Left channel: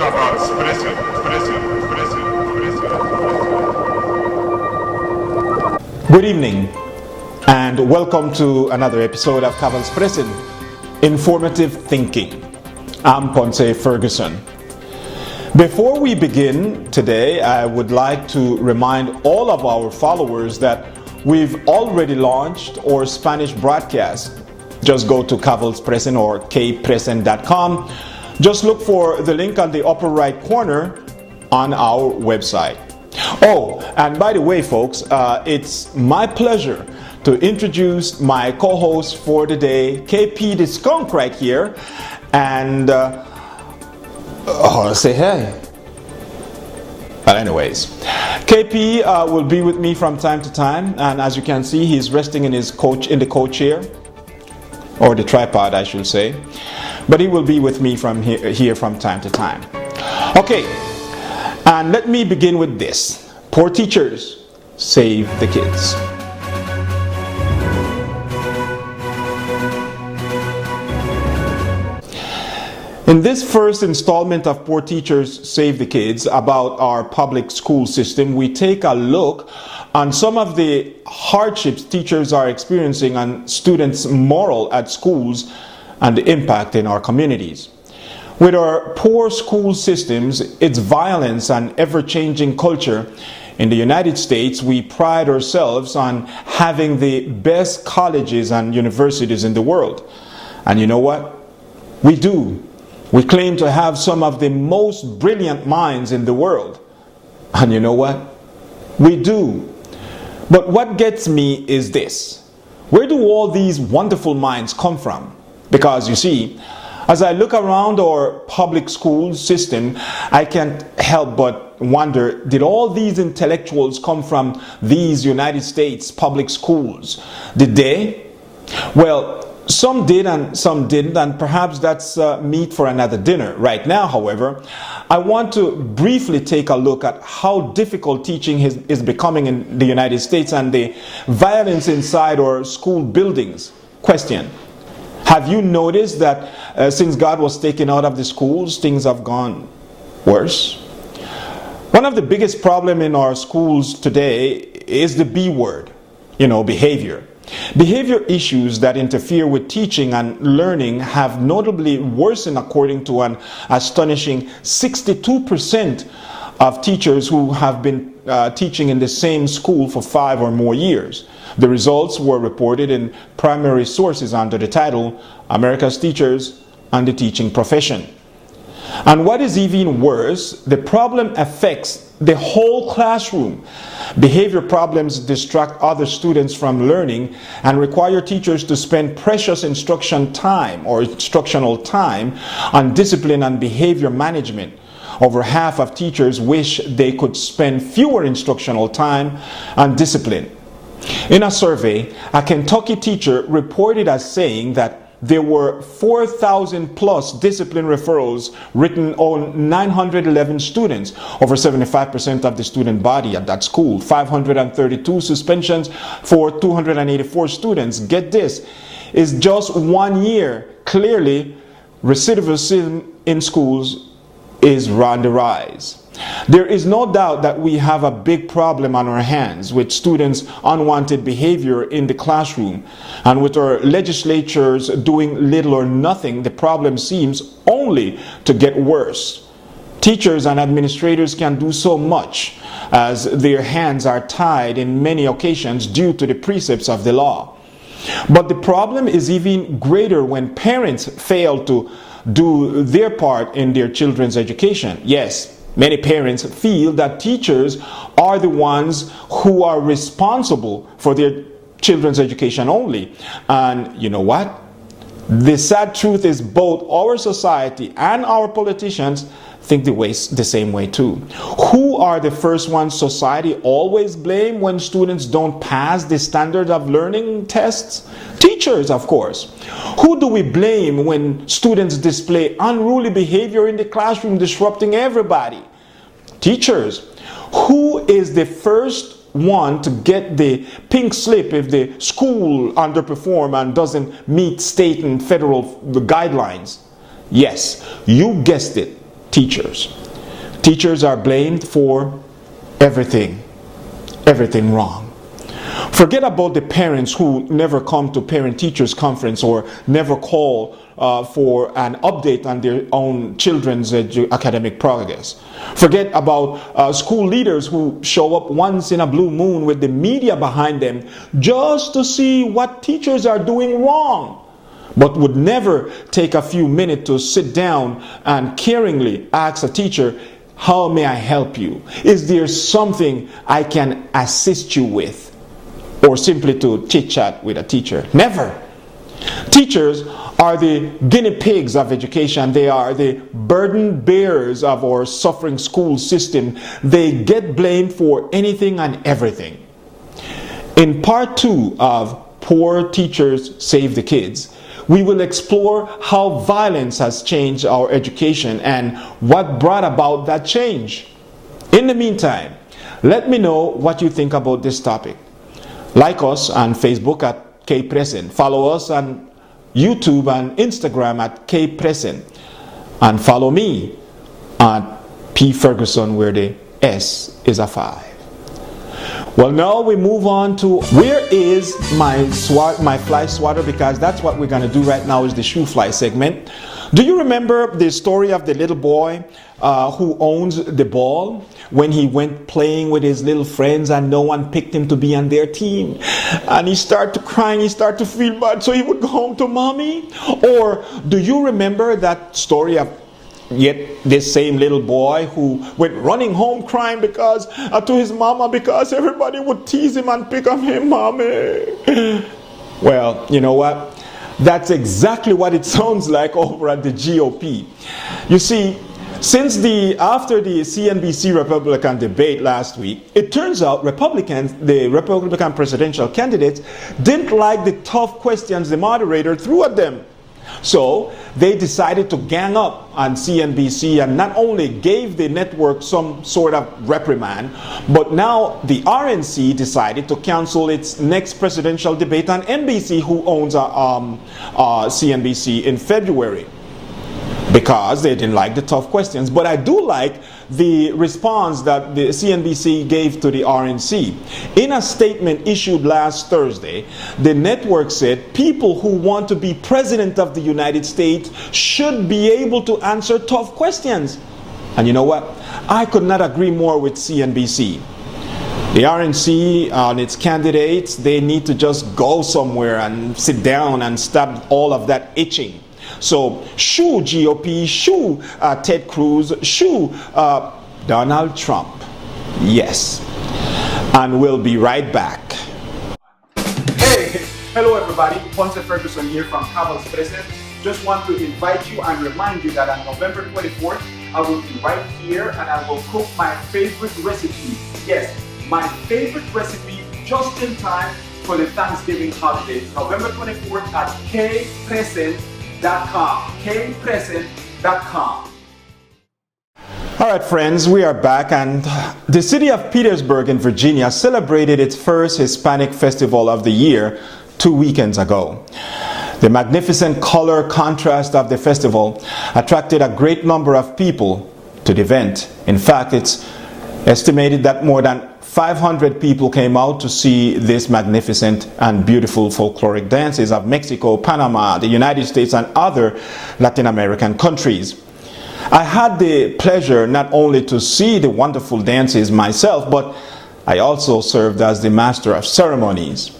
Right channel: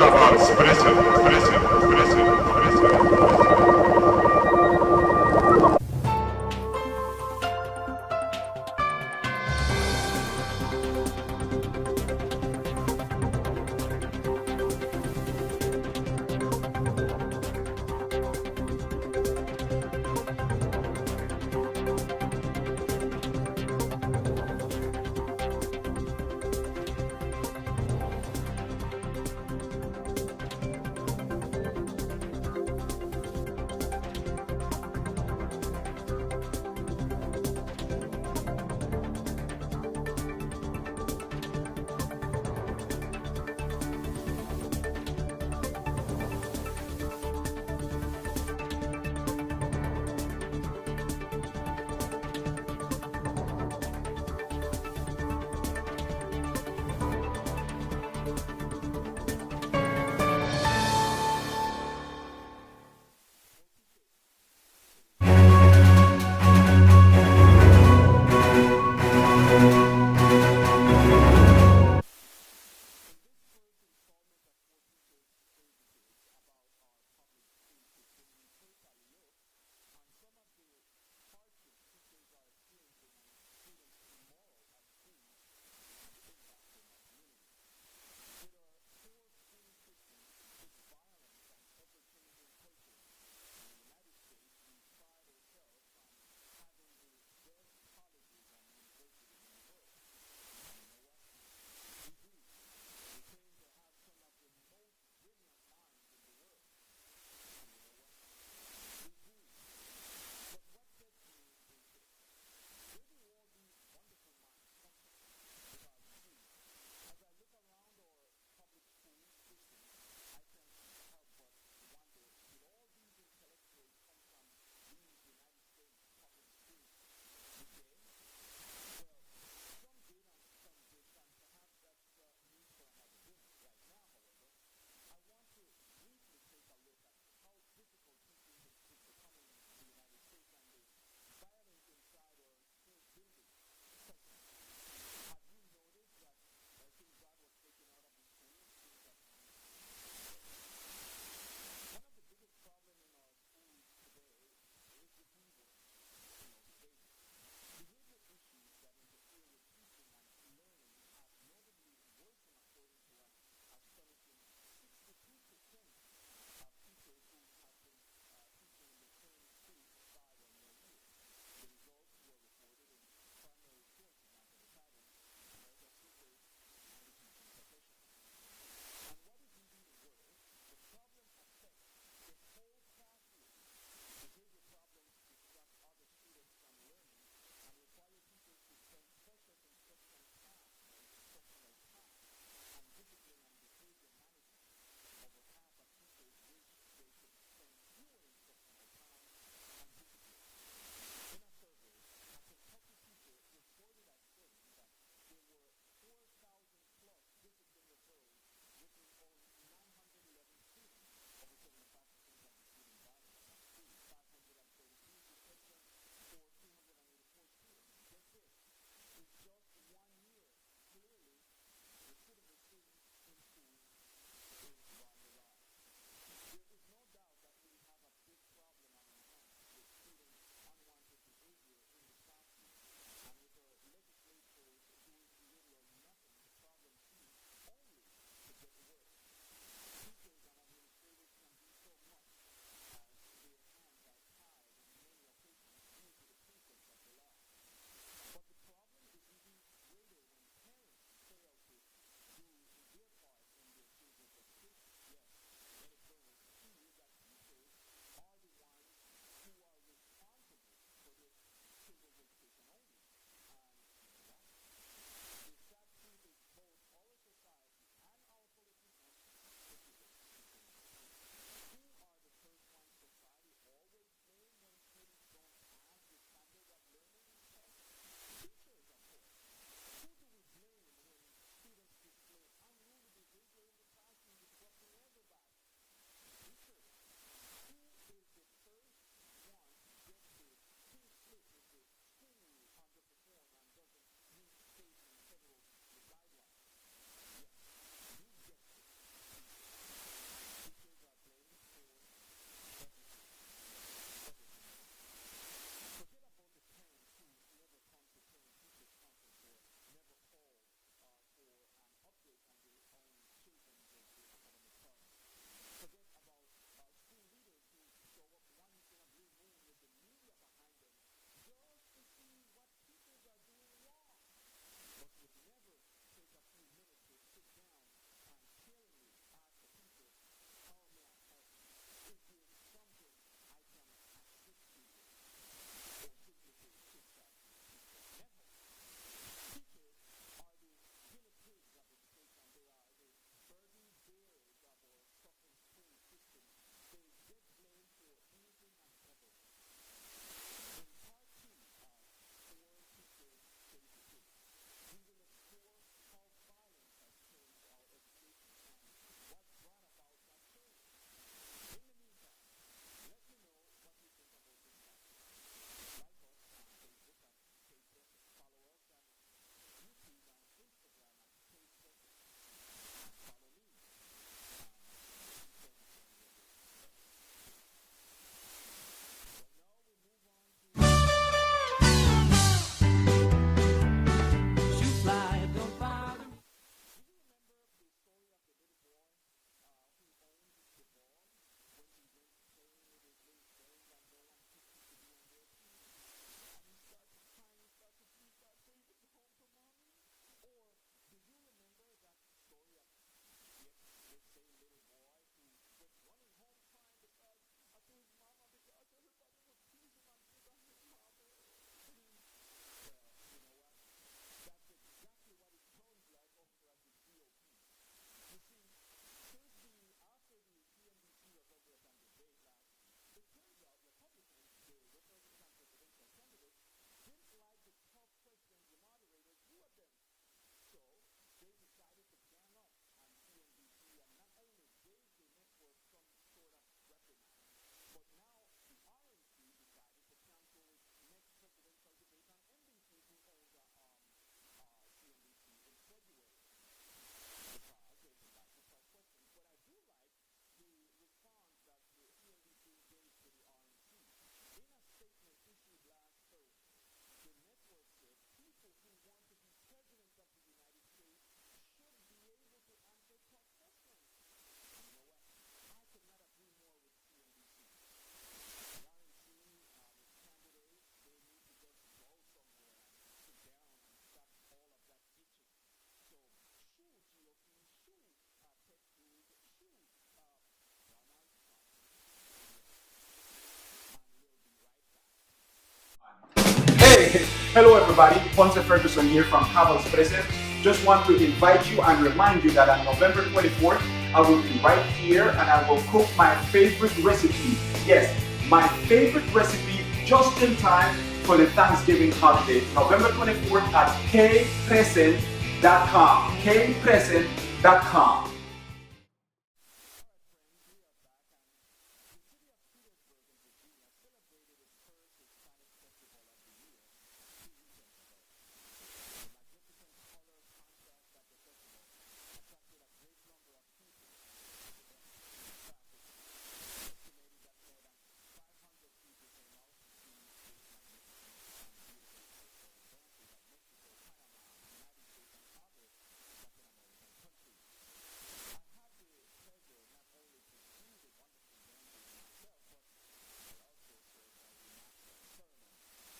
Kavalspressen. Good evening and welcome to another episode of Kavalspressen, Informative Thinking. I'm Ponce Ferguson. Before we begin today, I would like to remind all of our followers that we've already launched our Spanish broadcast. Just go to Kavalspressen or kpressen.com. Just look for the link on the upper right corner on our website. Oh, and by the way, folks, it's my pleasure to introduce my co-host for the day, KP the Skunk right here, and say hey. But anyways, KP will be with me from time to time, and as you can see, he's resting in the co-chair, or the tripod, I should say. But he will be with me from here from time to time. Okay, and let me begin with this. Poor teachers save the kids. In this first installment of Poor Teachers Save the Kids about our public school system, we take a look on some of the hardships teachers are experiencing on students' morale at schools and the impact in our communities. With our poor school systems, its violence and ever-changing culture, in the United States, we pride ourselves on having the best colleges and universities in the world. And you know what? We do. We claim to have some of the most brilliant minds in the world. And you know what? We do. But what gets me is this. Where do all these wonderful minds come from? Because you see, as I look around our public school system, I can't help but wonder, did all these intellectuals come from these United States public schools? Did they? Well, some did and some didn't, and perhaps that's meat for another dinner. Right now, however, I want to briefly take a look at how difficult teaching is becoming in the United States and the violence inside our school buildings. Question. Have you noticed that since God was taken out of the schools, things have gone worse? One of the biggest problems in our schools today is the B word, behavior. Behavior issues that interfere with teaching and learning have notably worsened according to an astonishing 62% of teachers who have been teaching in the same school for 5 or more years. The results were reported in primary sources under the title America's Teachers and the Teaching Profession. And what is even worse, the problem affects the whole classroom. Behavior problems distract other students from learning and require teachers to spend precious instructional time on discipline and behavior management. Over half of teachers wish they could spend fewer instructional time on discipline. In a survey, a Kentucky teacher reported as saying that there were 4,000 plus discipline referrals written on 911 students, over 75% of the student body at that school, 532 suspensions for 284 students. Get this, is just 1 year. Clearly, recidivism in schools is on the rise. There is no doubt that we have a big problem on our hands with students' unwanted behavior in the classroom. And with our legislatures doing little or nothing, the problem seems only to get worse. Teachers and administrators can do so much, as their hands are tied in many occasions due to the precepts of the law. But the problem is even greater when parents fail to do their part in their children's education. Yes, many parents feel that teachers are the ones who are responsible for their children's education only. And you know what? The sad truth is both our society and our politicians think the same way too. Who are the first ones society always blame when students don't pass the standard of learning tests? Teachers, of course. Who do we blame when students display unruly behavior in the classroom, disrupting everybody? Teachers. Who is the first one to get the pink slip if the school underperforms and doesn't meet state and federal guidelines? Yes, you guessed it. teachers. Teachers are blamed for everything wrong. Forget about the parents who never come to parent-teachers conference or never call for an update on their own children's academic progress. Forget about school leaders who show up once in a blue moon with the media behind them just to see what teachers are doing wrong, but would never take a few minutes to sit down and caringly ask a teacher, "How may I help you? Is there something I can assist you with?" Or simply to chit-chat with a teacher. Never. Teachers are the guinea pigs of education. They are the burden bearers of our suffering school system. They get blamed for anything and everything. In part 2 of Poor Teachers Save the Kids, we will explore how violence has changed our education and what brought about that change. In the meantime, let me know what you think about this topic. Like us on Facebook at Kavalspressen. Follow us on YouTube and Instagram at Kavalspressen. And follow me at P. Ferguson, where the S is a 5. Well, now we move on to where is my fly swatter, because that's what we're going to do right now is the shoe fly segment. Do you remember the story of the little boy who owns the ball when he went playing with his little friends and no one picked him to be on their team? And he started to cry and he started to feel bad, so he would go home to mommy? Or do you remember that story of yet this same little boy who went running home crying because to his mama because everybody would tease him and pick on him, "Mommy"? Well, you know what? That's exactly what it sounds like over at the GOP. You see, after the CNBC Republican debate last week, it turns out the Republican presidential candidates didn't like the tough questions the moderator threw at them. So they decided to gang up on CNBC and not only gave the network some sort of reprimand, but now the RNC decided to cancel its next presidential debate on NBC, who owns CNBC, in February, because they didn't like the tough questions. But I do like the response that the CNBC gave to the RNC. In a statement issued last Thursday, the network said people who want to be president of the United States should be able to answer tough questions. And you know what? I could not agree more with CNBC. The RNC and its candidates, they need to just go somewhere and sit down and stop all of that itching. So, shoo GOP, shoo Ted Cruz, shoo Donald Trump. Yes. And we'll be right back. Hey, hello everybody. Ponce Ferguson here from Kavalspressen. Just want to invite you and remind you that on November 24th, I will be right here and I will cook my favorite recipe. Yes, my favorite recipe just in time for the Thanksgiving holiday. November 24th at Kavalspressen.com. Kavalspressen.com. All right, friends, we are back, and the city of Petersburg in Virginia celebrated its first Hispanic festival of the year 2 weekends ago. The magnificent color contrast of the festival attracted a great number of people to the event. In fact, it's estimated that more than 500 people came out to see this magnificent and beautiful folkloric dances of Mexico, Panama, the United States, and other Latin American countries. I had the pleasure not only to see the wonderful dances myself, but I also served as the master of ceremonies.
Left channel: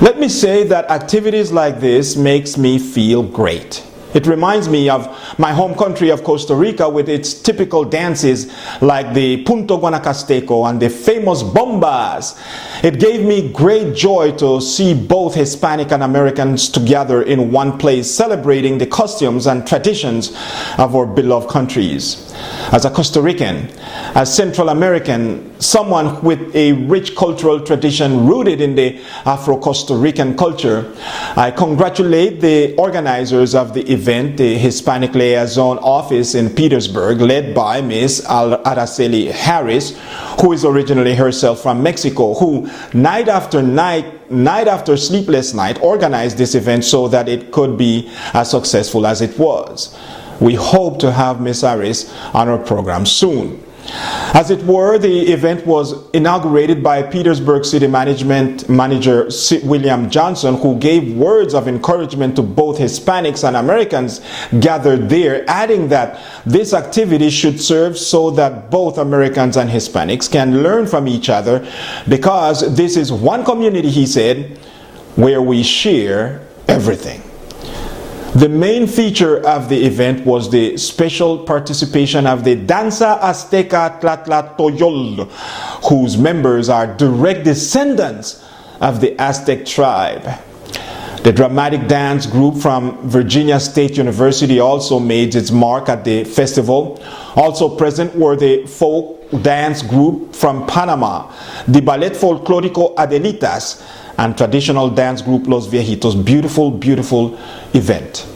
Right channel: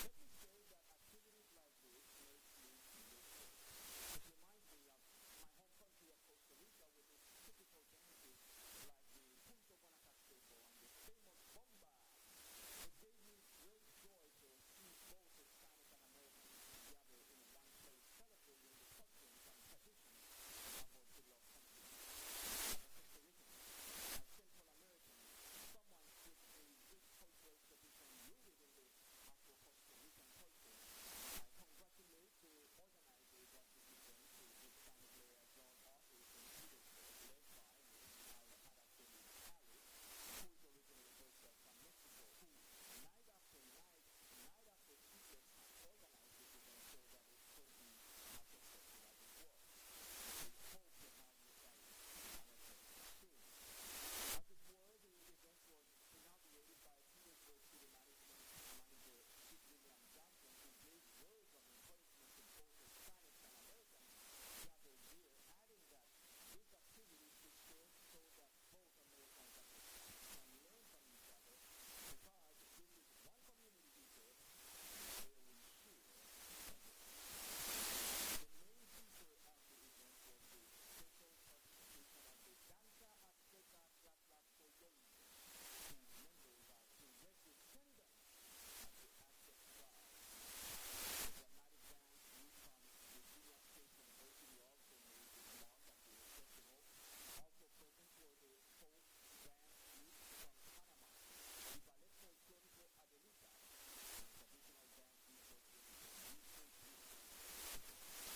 Let me say that activities like this makes me feel great. It reminds me of my home country of Costa Rica with its typical dances like the Punto Guanacasteco and the famous bombas. It gave me great joy to see both Hispanic and Americans together in one place celebrating the costumes and traditions of our beloved countries. As a Costa Rican, as Central American, someone with a rich cultural tradition rooted in the Afro-Costa Rican culture, I congratulate the organizers of the event, the Hispanic Liaison Office in Petersburg, led by Ms. Araceli Harris, who is originally herself from Mexico, who night after sleepless night organized this event so that it could be as successful as it was. We hope to have Ms. Harris on our program soon. As it were, the event was inaugurated by Petersburg City Management Manager William Johnson, who gave words of encouragement to both Hispanics and Americans gathered there, adding that this activity should serve so that both Americans and Hispanics can learn from each other, because this is one community, he said, where we share everything. The main feature of the event was the special participation of the Danza Azteca Tlatlatoyol, whose members are direct descendants of the Aztec tribe. The dramatic dance group from Virginia State University also made its mark at the festival. Also present were the folk dance group from Panama, the Ballet Folclórico Adelitas, and traditional dance group Los Viejitos. Beautiful, beautiful event.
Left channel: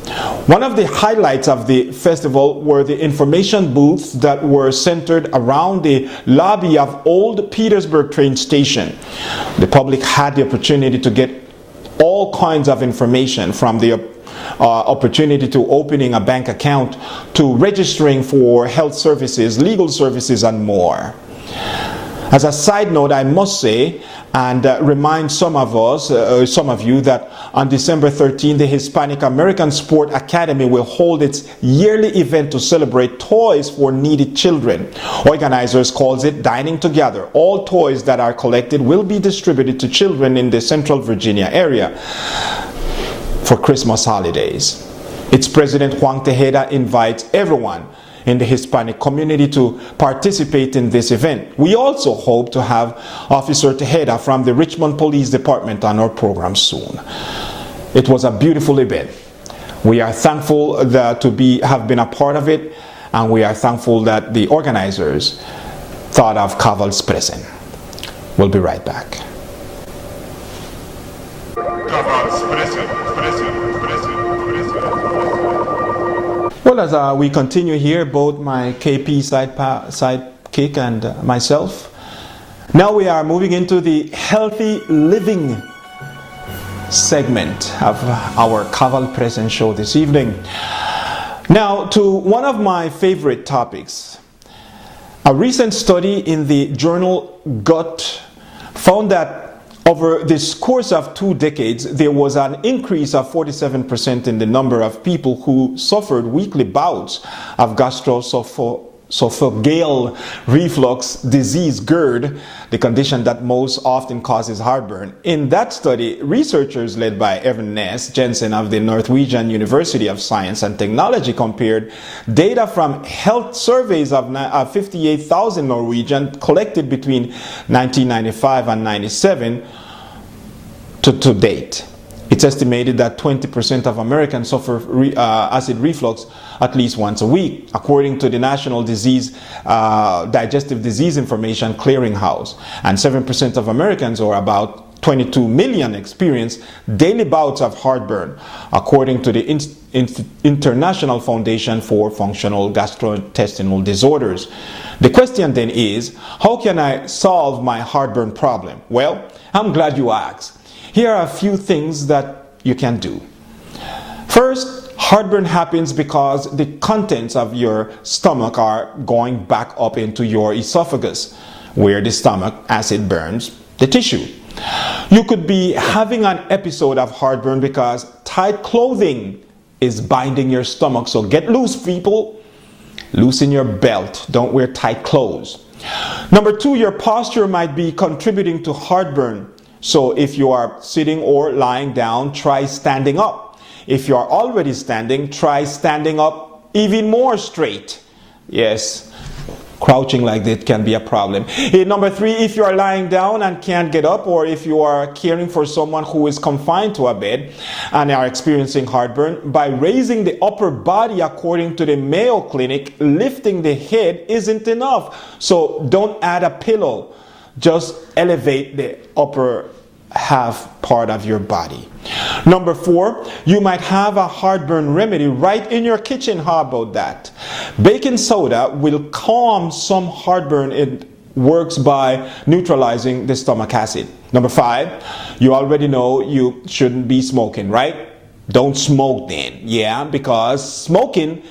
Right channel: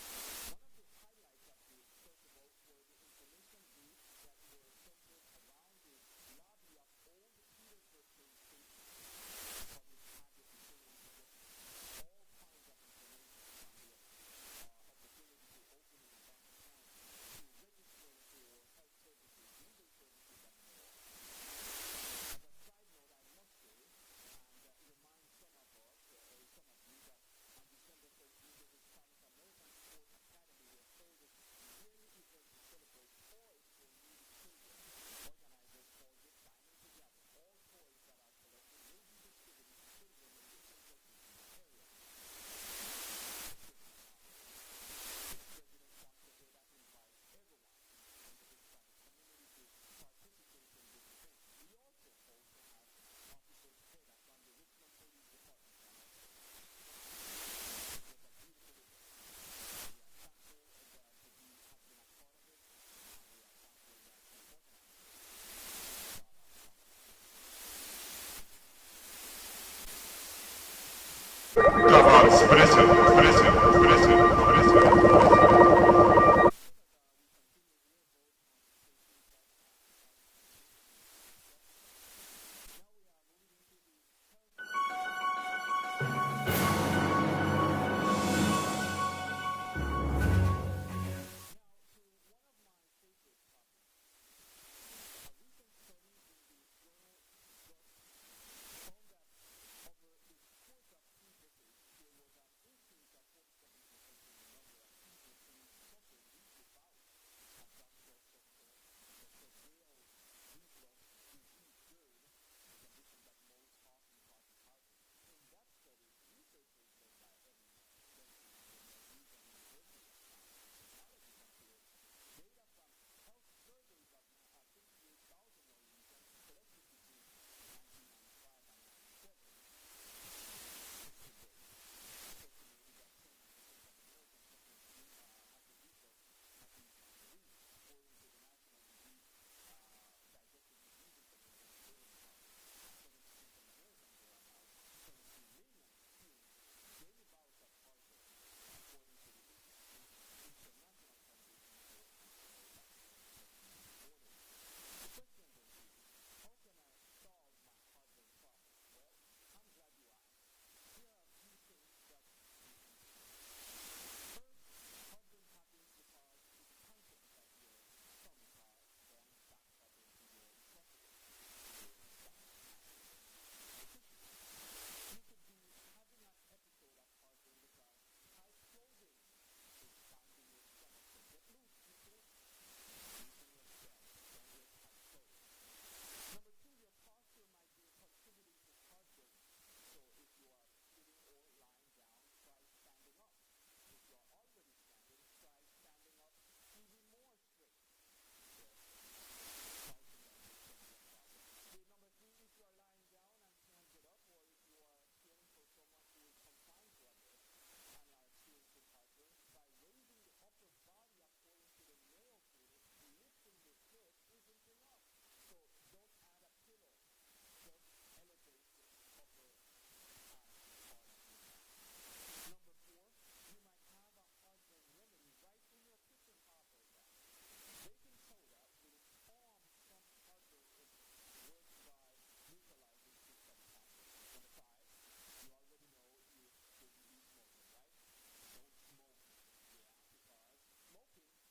One of the highlights of the festival were the information booths that were centered around the lobby of Old Petersburg train station. The public had the opportunity to get all kinds of information, from the opportunity to opening a bank account to registering for health services, legal services, and more. As a side note, I must say and remind some of you that on December 13, the Hispanic American Sport Academy will hold its yearly event to celebrate toys for needy children. Organizers calls it Dining Together. All toys that are collected will be distributed to children in the Central Virginia area for Christmas holidays. Its president, Juan Tejeda, invites everyone in the Hispanic community to participate in this event. We also hope to have Officer Tejeda from the Richmond Police Department on our program soon. It was a beautiful event. We are thankful that have been a part of it, and we are thankful that the organizers thought of Kavalspressen. We'll be right back. Well, as we continue here, both my KP sidekick and myself, now we are moving into the healthy living segment of our Kavalspressen show this evening. Now, to one of my favorite topics. A recent study in the journal Gut found that over this course of 2 decades, there was an increase of 47% in the number of people who suffered weekly bouts of gastroesophageal reflux disease, GERD, the condition that most often causes heartburn. In that study, researchers led by Evan Ness Jensen of the Norwegian University of Science and Technology compared data from health surveys of 58,000 Norwegians collected between 1995 and 97 to date. It's estimated that 20% of Americans suffer acid reflux at least once a week, according to the National Digestive Disease Information Clearinghouse. And 7% of Americans, or about 22 million, experience daily bouts of heartburn, according to the International Foundation for Functional Gastrointestinal Disorders. The question then is, how can I solve my heartburn problem? Well, I'm glad you asked. Here are a few things that you can do. First, heartburn happens because the contents of your stomach are going back up into your esophagus, where the stomach acid burns the tissue. You could be having an episode of heartburn because tight clothing is binding your stomach. So get loose, people. Loosen your belt. Don't wear tight clothes. Number 2, your posture might be contributing to heartburn. So if you are sitting or lying down, try standing up. If you are already standing, try standing up even more straight. Yes, crouching like that can be a problem. Number 3, if you are lying down and can't get up, or if you are caring for someone who is confined to a bed and are experiencing heartburn, by raising the upper body according to the Mayo Clinic, lifting the head isn't enough. So don't add a pillow. Just elevate the upper half part of your body. Number 4, you might have a heartburn remedy right in your kitchen. How about that? Baking soda will calm some heartburn. It works by neutralizing the stomach acid. Number 5, you already know you shouldn't be smoking, right? Don't smoke then. Yeah, because smoking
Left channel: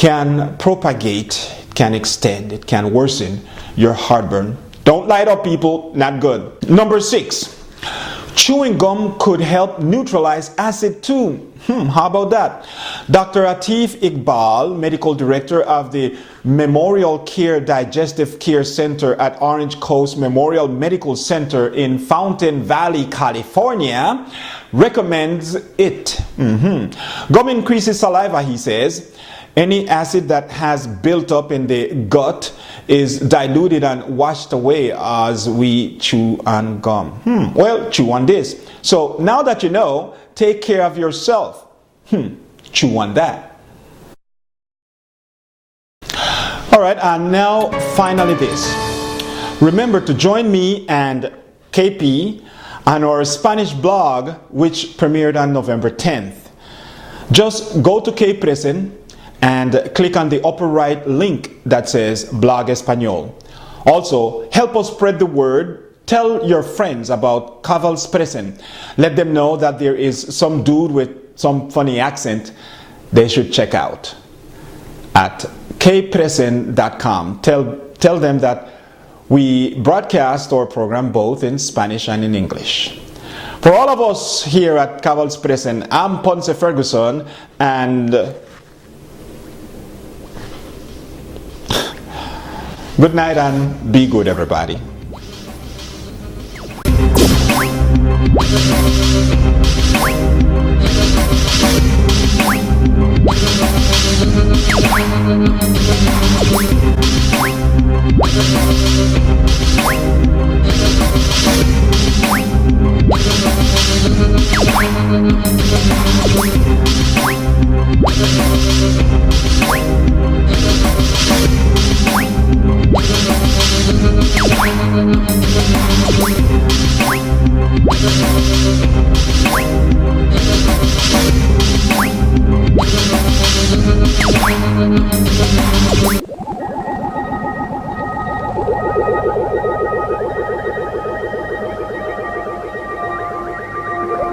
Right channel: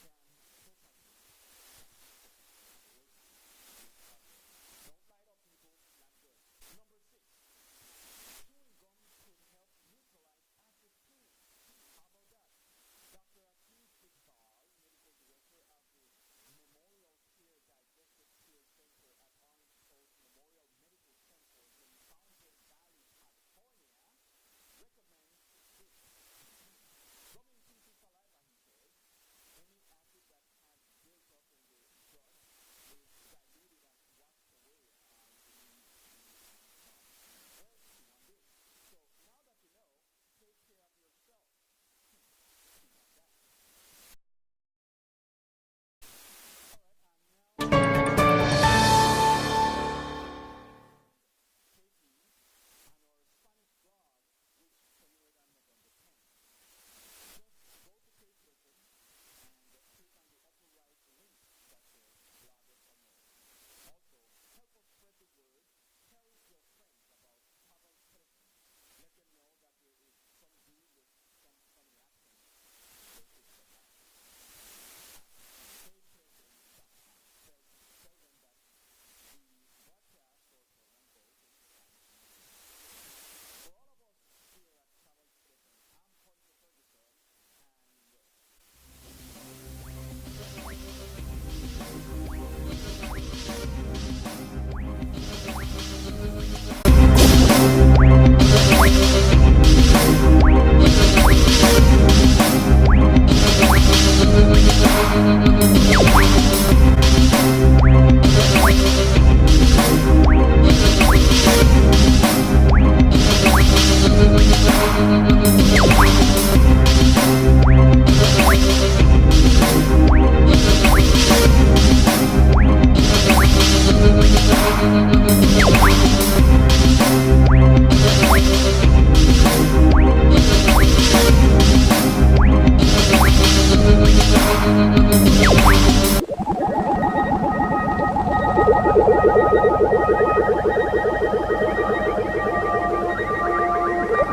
can propagate, can extend, it can worsen your heartburn. Don't light up, people, not good. Number 6, chewing gum could help neutralize acid too. How about that? Dr. Atif Iqbal, medical director of the Memorial Care Digestive Care Center at Orange Coast Memorial Medical Center in Fountain Valley, California, recommends it. Gum increases saliva, he says. Any acid that has built up in the gut is diluted and washed away as we chew on gum. Well, chew on this. So now that you know, take care of yourself. Chew on that. All right, and now finally this. Remember to join me and KP on our Spanish blog, which premiered on November 10th. Just go to Kavalspressen and click on the upper right link that says Blog Español. Also, help us spread the word. Tell your friends about Kavalspressen. Let them know that there is some dude with some funny accent they should check out at kpressen.com. Tell them that we broadcast our program both in Spanish and in English. For all of us here at Kavalspressen, I'm Ponce Ferguson, and good night and be good, everybody.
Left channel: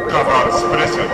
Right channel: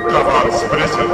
Kavalspressen.